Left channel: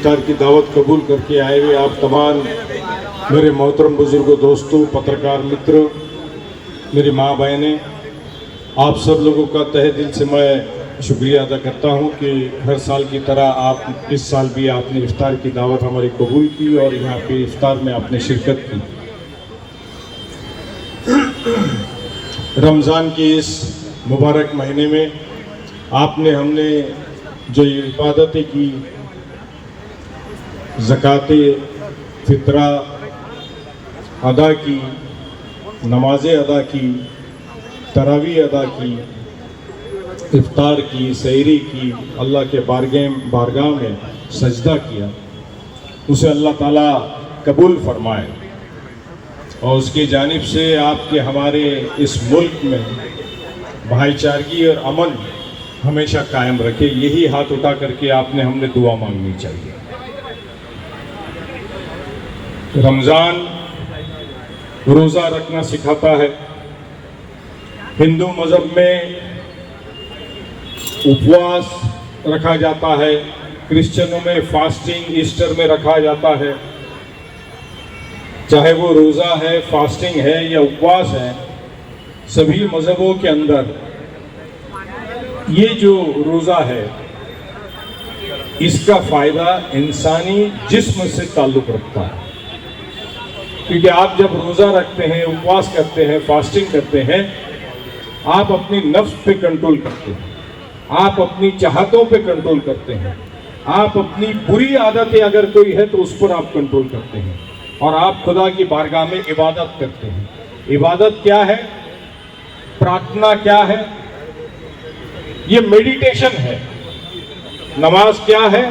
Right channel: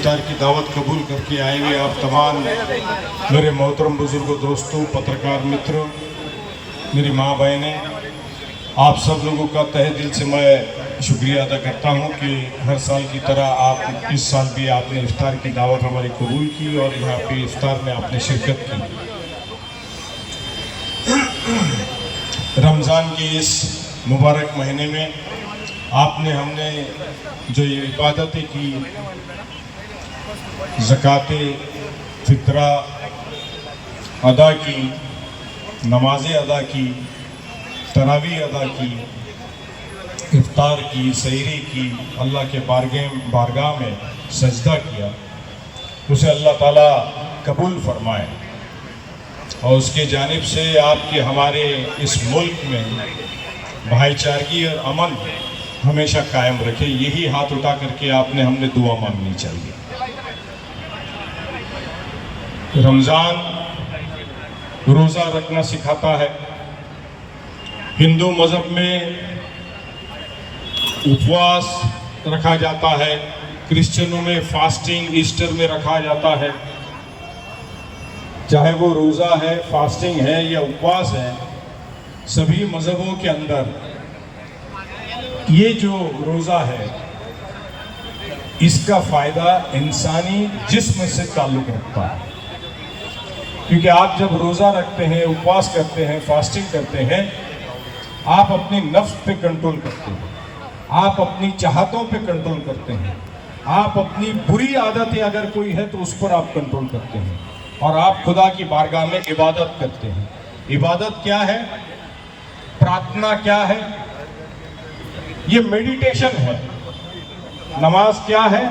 इफ्तार की दावत कबूल करके आए हुए आप तमाम मेरे मोहतरम बुजुर्गों, दोस्तों, पत्रकार मित्रों, मेरी माँ बहनें, आप सब लोगों का तहे दिल से मैं शुक्रिया अदा करता हूँ कि हर साल की तरह आप इस साल भी आपने इफ्तार की दावत हमारी कबूल की और यहाँ पे इफ्तार में आपने शिरकत की। रमज़ान के इस मुबारक महीने में आपने हमने जो ये इबादतें की, ज़कात फितरा अदा की, नमाज़ें अदा की, तरावी अदा की, इफ्तार की, सहरी की, अल्लाह के बारगाह में सजदा किया, उसे अल्लाह ताला कबूल फरमाए और उसके जानिब से आपके हमारे इस मुल्क में भाईचारगी और अमन हमेशा कायम रखे। यही हाथ उठा करके आपने हमने दुआ मांगनी चाहिए। रमज़ान रोज़ा रखना सिखाता है। हिंदू मज़हब में उपवास रखा जाता है, क्रिश्चियनों में फास्टिंग ईस्टर में रखा जाता है। चाहे वो रोज़ा है, फास्टिंग है या उपवास है, सभी मज़हबों के अंदर ये जो रोज़ा है इसका फ़ायदा इंसानी जिस्म से ताल्लुक़ रखता है। क्योंकि आप जब रोज़ा रखते हैं, उपवास करते हैं, फास्टिंग करते हैं, आप अपनी नफ्स पे कंट्रोल करते हैं, आप अपनी चाहतों पे कंट्रोल करते हैं, आप अपनी बुरी आदतें अगर कोई है तो उस पर आप कंट्रोल करते हैं और आप खुदा की बारगाह में इबादत करते हैं। इबादत क्या है? प्रार्थना क्या है? ये मेडिटेशन है। नमाज क्या है?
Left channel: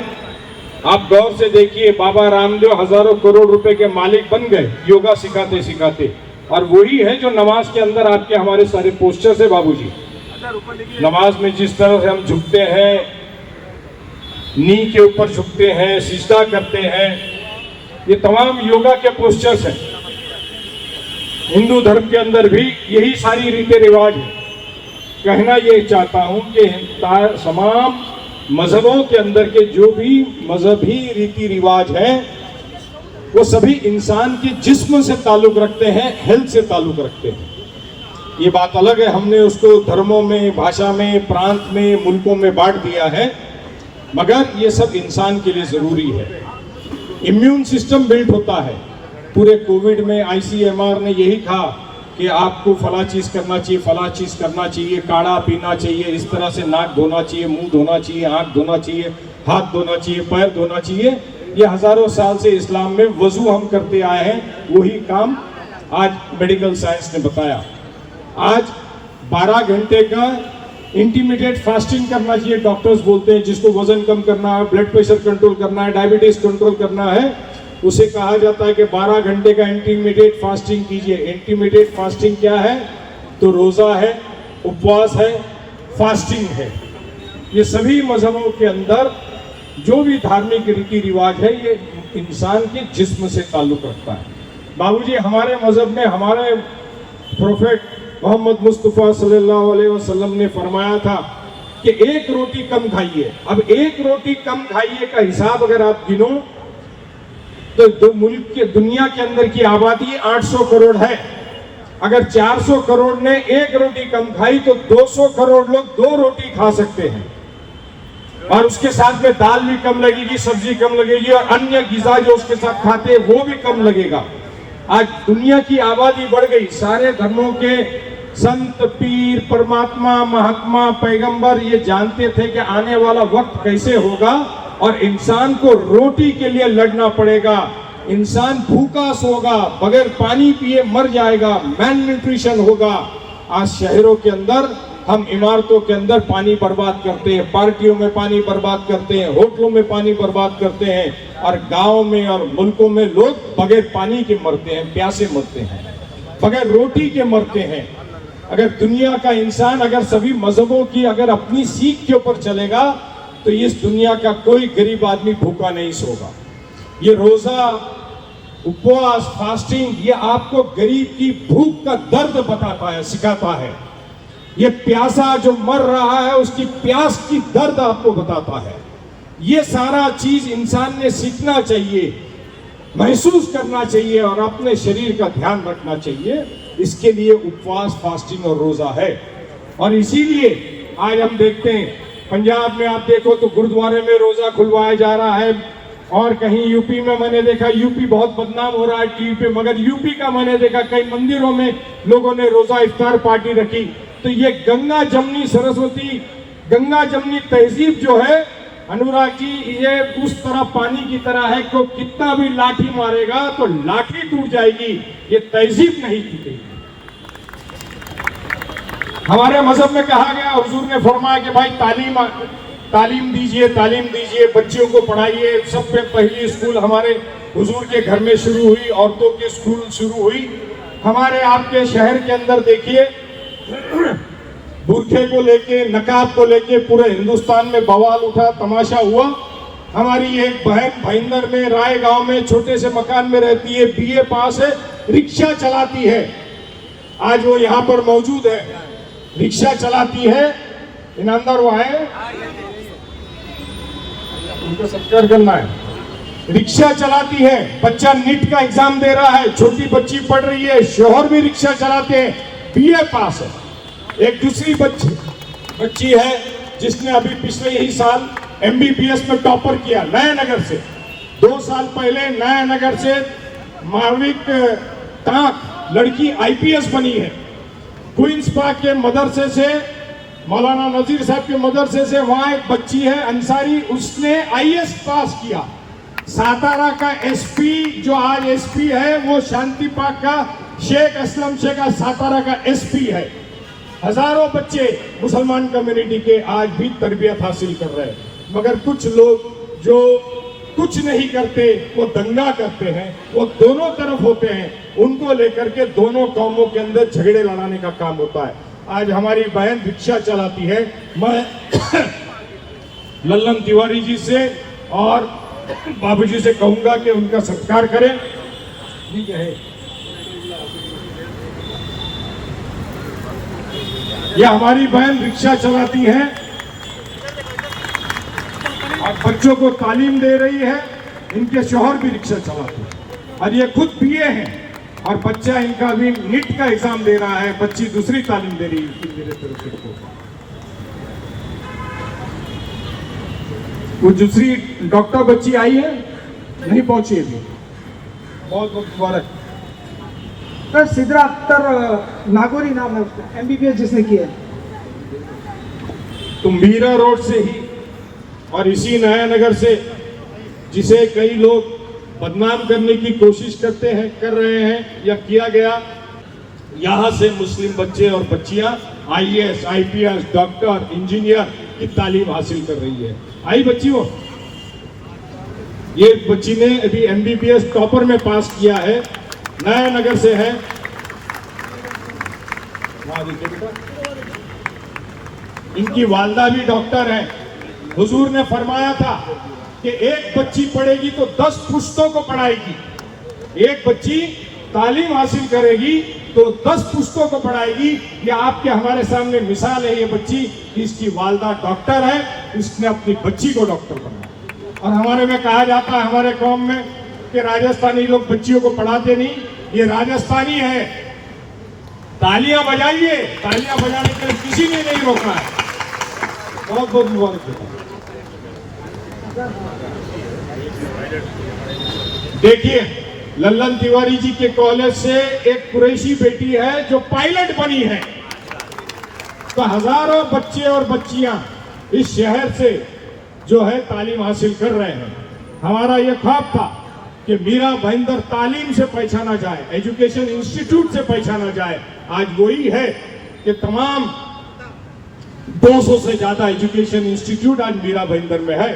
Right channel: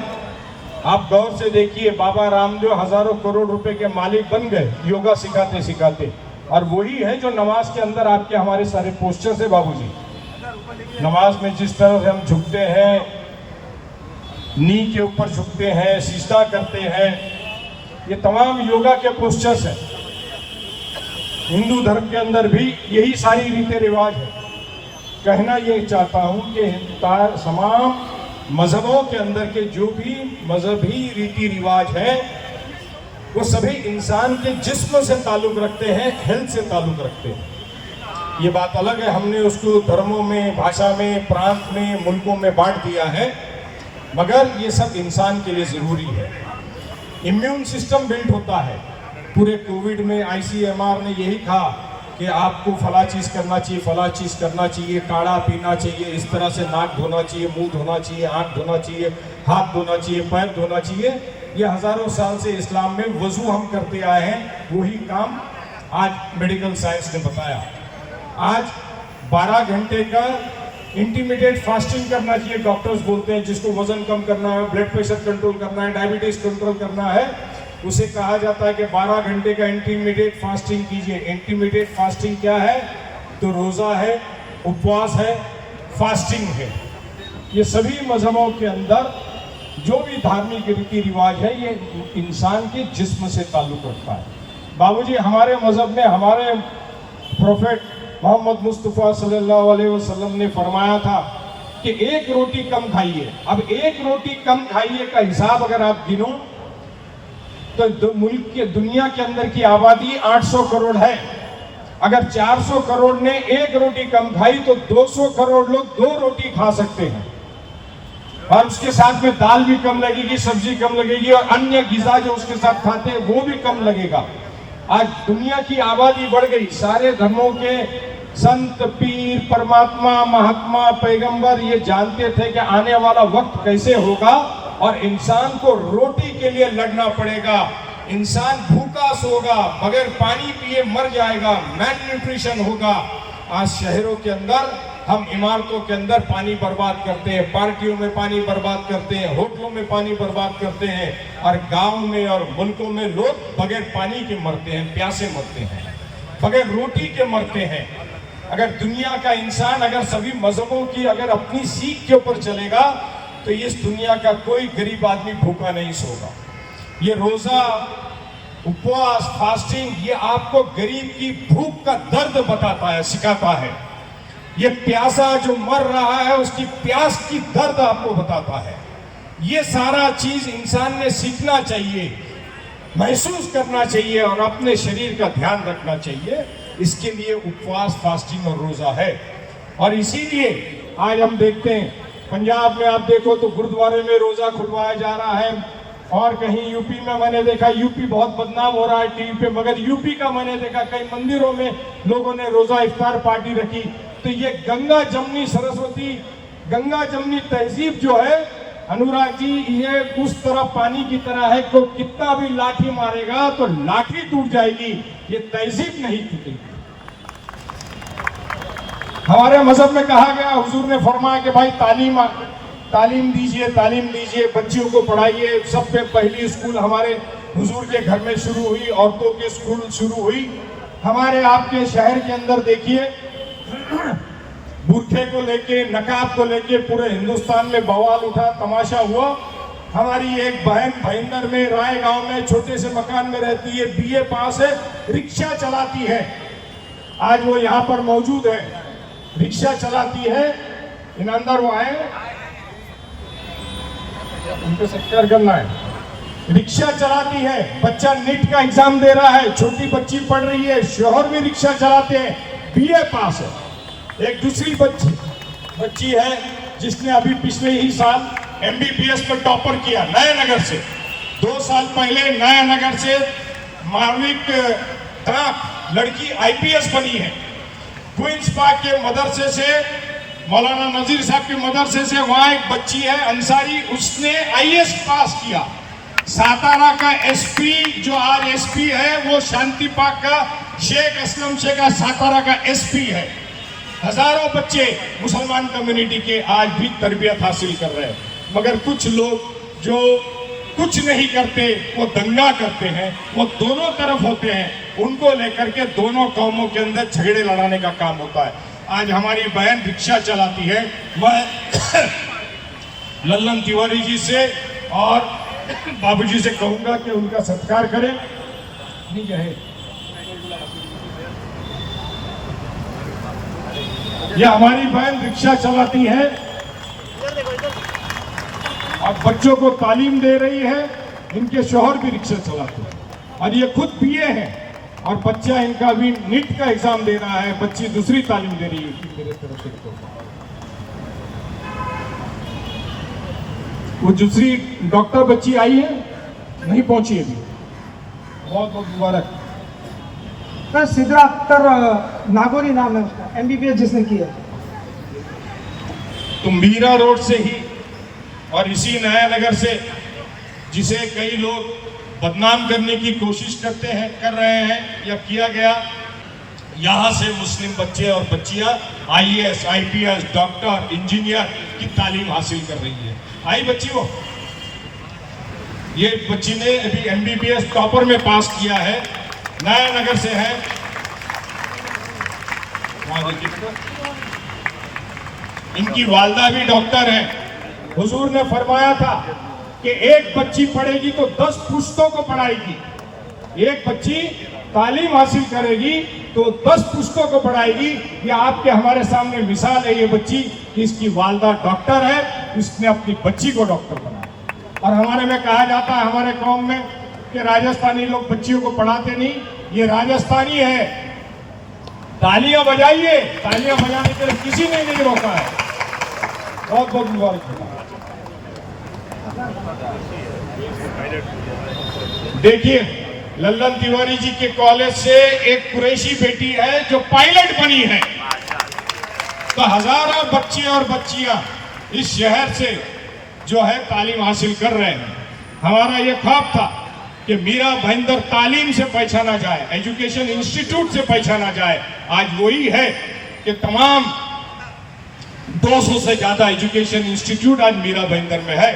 आप गौर से देखिए, बाबा रामदेव हजारों करोड़ रुपए के मालिक बन गए योगा सिखाते सिखाते, और वही है जो नमाज के अंदर आपके हमारे सारे पोस्टर्स है। बाबूजी, नमाज में जिस तरह से हम झुकते हैं, नी के ऊपर झुकते हैं, सिजदा करते हैं, ये तमाम योगा के पोस्टर्स हैं। हिंदू धर्म के अंदर भी यही सारी रीति रिवाज है। कहना ये चाहता हूं कि तमाम मजहबों के अंदर के जो भी मजहबी रीति रिवाज हैं वो सभी इंसान के जिस्म से ताल्लुक रखते हैं, हेल्थ से ताल्लुक रखते हैं। ये बात अलग है, हमने उसको धर्मों में, भाषा में, प्रांत में, मुल्कों में बांट दिया है, मगर ये सब इंसान के लिए ज़रूरी है। इम्यून सिस्टम बिल्ड होता है। पूरे कोविड में ICMR ने यही कहा कि आपको फला चीज़ करना चाहिए, फला चीज़ करना चाहिए, काढ़ा पीना चाहिए, इस तरह से नाक धोना चाहिए, मुंह धोना चाहिए, आँख धोना चाहिए, हाथ धोना चाहिए, पैर धोना चाहिए। ये हज़ारों साल से इस्लाम में वज़ू हम करते आए हैं, वही काम आज मेडिकल साइंस ने बताया। आज 12 घंटे का इंटरमीडिएट फास्टिंग करना चाहिए, डॉक्टर्स बोलते हैं। जिसको वजन कम करना है, ब्लड प्रेशर कंट्रोल करना है, डायबिटीज़ कंट्रोल करना है, उसे कहा जाता है कि 12 घंटे का इंटरमीडिएट फास्टिंग कीजिए। इंटरमीडिएट फास्टिंग क्या है? तो रोज़ा है, उपवास है, फास्टिंग है। ये सभी मजहबों के अंदर जो भी धार्मिक रीति रिवाज है ये इंसान के जिस्म से ताल्लुक़ रखता है। बाबूजी, हमारे मजहब में हमारे प्रोफेट मोहम्मद मुस्तफ़ा सल्लल्लाहु अलैहि वसल्लम ने फरमाया था कि एक रोटी कम खाइए। अब एक रोटी कम खाइए का हिसाब अगर आप गिनो तो मुल्क के, दुनिया के अंदर की आबादी 800 करोड़ है। अगर 400 करोड़ ने एक रोटी कम खाई तो 200 करोड़ लोग 2 रोटी खा सकते हैं, और उसके साथ में दाल भी कम लगेगी, सब्जी कम लगेगी, और अन्य ग़िज़ा जो उसके साथ खाते हैं वो भी कम लगेगा। आज दुनिया की आबादी बढ़ गई। सारे धर्मों के संत, पीर, परमात्मा, महात्मा, पैगंबर ये जानते थे कि आने वाला वक्त कैसे होगा और इंसान को रोटी के लिए लड़ना पड़ेगा। इंसान भूखा सोगा, बगैर पानी पिए मर जाएगा, मैल न्यूट्रिशन होगा। आज शहरों के अंदर हम इमारतों के अंदर पानी बर्बाद करते हैं, पार्टियों में पानी बर्बाद करते हैं, होटलों में पानी बर्बाद करते हैं, और गाँव में और मुल्कों में लोग बगैर पानी के मरते हैं, प्यासे मरते हैं, बगैर रोटी के मरते हैं। अगर दुनिया का इंसान, अगर सभी मजहबों की अगर अपनी सीख के ऊपर चलेगा तो इस दुनिया का कोई गरीब आदमी भूखा नहीं सोगा। ये रोज़ा, उपवास, फास्टिंग ये आपको गरीब की भूख का दर्द बताता है, सिखाता है। ये प्यासा जो मर रहा है उसकी प्यास की दर्द आपको बताता है। ये सारा चीज इंसान ने सीखना चाहिए, महसूस करना चाहिए और अपने शरीर का ध्यान रखना चाहिए। इसके लिए उपवास, फास्टिंग और रोजा है। और इसीलिए आज हम देखते हैं पंजाब में आप देखो तो गुरुद्वारे में रोजा खुलवाया जा रहा है, और कहीं यूपी में मैंने देखा, यूपी बहुत बदनाम हो रहा है टीवी पे, मगर यूपी का मैंने देखा कई मंदिरों में लोगों ने रोजा इफ्तार पार्टी रखी। तो ये गंगा जमनी सरस्वती, गंगा जमनी तहजीब जो है अनुराग जी, ये उस तरह पानी की तरह है को कितना भी लाठी मारेगा तो लाठी टूट जाएगी, ये तहजीब नहीं टूटेगी। हमारे मजहब में कहा गया, हुजूर ने फरमाया कि भाई तालीम दीजिए, बच्चियों को पढ़ाइए। सबसे पहली स्कूल हमारे हुजूर के घर में शुरू हुई, औरतों की स्कूल शुरू हुई। हमारे आपके शहर के अंदर देखिए बुरखे को लेके, नकाब को लेके पूरे हिंदुस्तान में बवाल उठा, तमाशा हुआ। हमारी एक बहन भाईंदर में, राय गांव में, छोटे से मकान में रहती है, बीए पास है, रिक्शा चलाती है। आज वो यहाँ पर मौजूद है, रिक्शा चलाती है। ईमानदार वो आए, उनको सत्कार करना है। रिक्शा चलाती है, बच्चा नीट का एग्जाम दे रहा है, छोटी बच्ची पढ़ रही है, शोहर भी रिक्शा चलाते हैं, बीए पास है। एक दूसरी बच्ची है जिसने अभी पिछले ही साल एमबीबीएस में टॉपर किया नयानगर से। 2 साल पहले नयानगर से माविक ताक लड़की आईपीएस बनी है। क्वींस पार्क के मदरसे से, मौलाना नजीर साहब के मदरसे से वहां एक बच्ची है अंसारी, उसने आईएएस पास किया। सातारा का एसपी जो आज एसपी है वो शांति पाक का शेख असलम शेख सातारा का एसपी है। हजारों बच्चे मुसलमान कम्युनिटी के आज भी तरबियत हासिल कर रहे हैं, मगर कुछ लोग जो कुछ नहीं करते वो दंगा करते हैं, वो दोनों तरफ होते हैं, उनको लेकर के दोनों कौमों के अंदर झगड़े लड़ाने का काम होता है। आज हमारी बहन रिक्शा चलाती है। मैं लल्लन तिवारी जी से और बाबूजी से कहूंगा कि उनका सत्कार करें। ठीक है, ये हमारी बहन रिक्शा चलाती है और बच्चों को तालीम दे रही है। इनके शौहर भी रिक्शा चलाते हैं और ये खुद बीए हैं, और बच्चा इनका भी नीट का एग्जाम दे रहा है, बच्ची दूसरी तालीम दे रही है मेरे तरफ से। वो दूसरी डॉक्टर बच्ची आई है, नहीं पहुंची अभी, बहुत बहुत मुबारक। सिद्रा अख्तर नागौरी नाम है उसका, एमबीबीएस जिसने किया है। तो मीरा रोड से ही और इसी नयानगर से, जिसे कई लोग बदनाम करने की कोशिश कर रहे हैं या किया गया, यहाँ से मुस्लिम बच्चे और बच्चियां आईएएस, आईपीएस, डॉक्टर, इंजीनियर की तालीम हासिल कर रही है। आई बच्ची वो, ये बच्ची ने अभी एमबीबीएस टॉपर में पास किया है, नयानगर से है। इनकी वालदा भी डॉक्टर है। हुजूर ने फरमाया था कि एक बच्ची पढ़ेगी तो 10 पुश्तों को पढ़ाएगी, एक बच्ची तालीम हासिल करेगी तो 10 पुश्तों को पढ़ाएगी। ये आपके हमारे सामने मिसाल है। ये बच्ची, इसकी वालदा डॉक्टर है, उसने अपनी बच्ची को डॉक्टर बनाया। और हमारे में कहा जाता है, हमारे कौम में, कि राजस्थानी लोग बच्चियों को पढ़ाते नहीं। ये राजस्थानी है, तालियां बजाइए, तालियां बजाने के लिए किसी ने नहीं रोका है। बहुत बहुत मुबारक। देखिए, लल्लन तिवारी जी के कॉलेज से एक कुरैशी बेटी है जो पायलट बनी है। तो हजारों बच्चे और बच्चियां इस शहर से जो है तालीम हासिल कर रहे हैं। हमारा ये ख्वाब था कि मीरा भाईंदर तालीम से पहचाना जाए, एजुकेशन इंस्टीट्यूट से पहचाना जाए। आज वही है कि तमाम 200 से ज्यादा एजुकेशन इंस्टीट्यूट आज मीरा भाईंदर में है।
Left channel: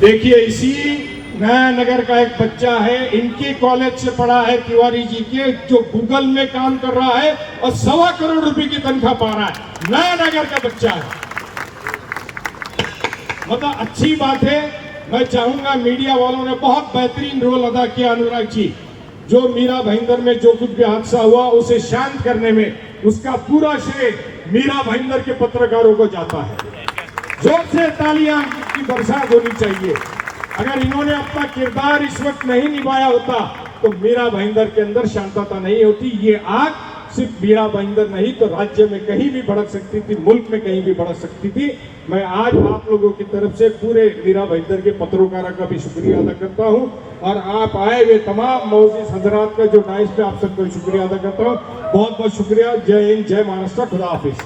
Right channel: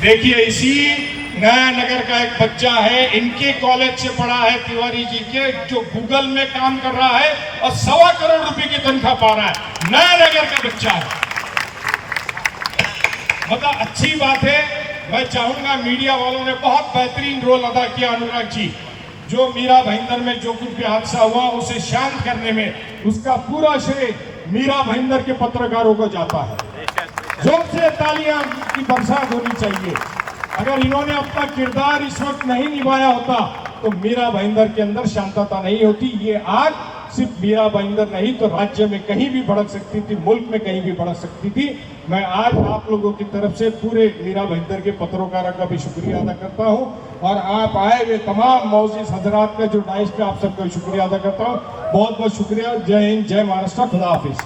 देखिए, इसी नयानगर का एक बच्चा है, इनके कॉलेज से पढ़ा है तिवारी जी के, जो गूगल में काम कर रहा है और 1.25 करोड़ रुपए की तनख्वाह पा रहा है। नयानगर का बच्चा है। मतलब अच्छी बात है। मैं चाहूंगा, मीडिया वालों ने बहुत बेहतरीन रोल अदा किया अनुराग जी। जो मीरा भाईंदर में जो कुछ भी हादसा हुआ उसे शांत करने में, उसका पूरा श्रेय मीरा भाईंदर के पत्रकारों को जाता है। जोर से तालियां की बरसात होनी चाहिए। अगर इन्होंने अपना किरदार इस वक्त नहीं निभाया होता तो मीरा भाईंदर के अंदर शांतता नहीं होती। ये आग सिर्फ मीरा भाईंदर नहीं तो राज्य में कहीं भी भड़क सकती थी, मुल्क में कहीं भी भड़क सकती थी। मैं आज आप लोगों की तरफ से पूरे मीरा भाईंदर के पत्रकारों का भी शुक्रिया अदा करता हूं और आप आए हुए तमाम मौजूद हजरात का जो डाइस पे आप सबका शुक्रिया अदा करता हूं। बहुत बहुत शुक्रिया। जय हिंद, जय महाराष्ट्र, खुदा हाफिज।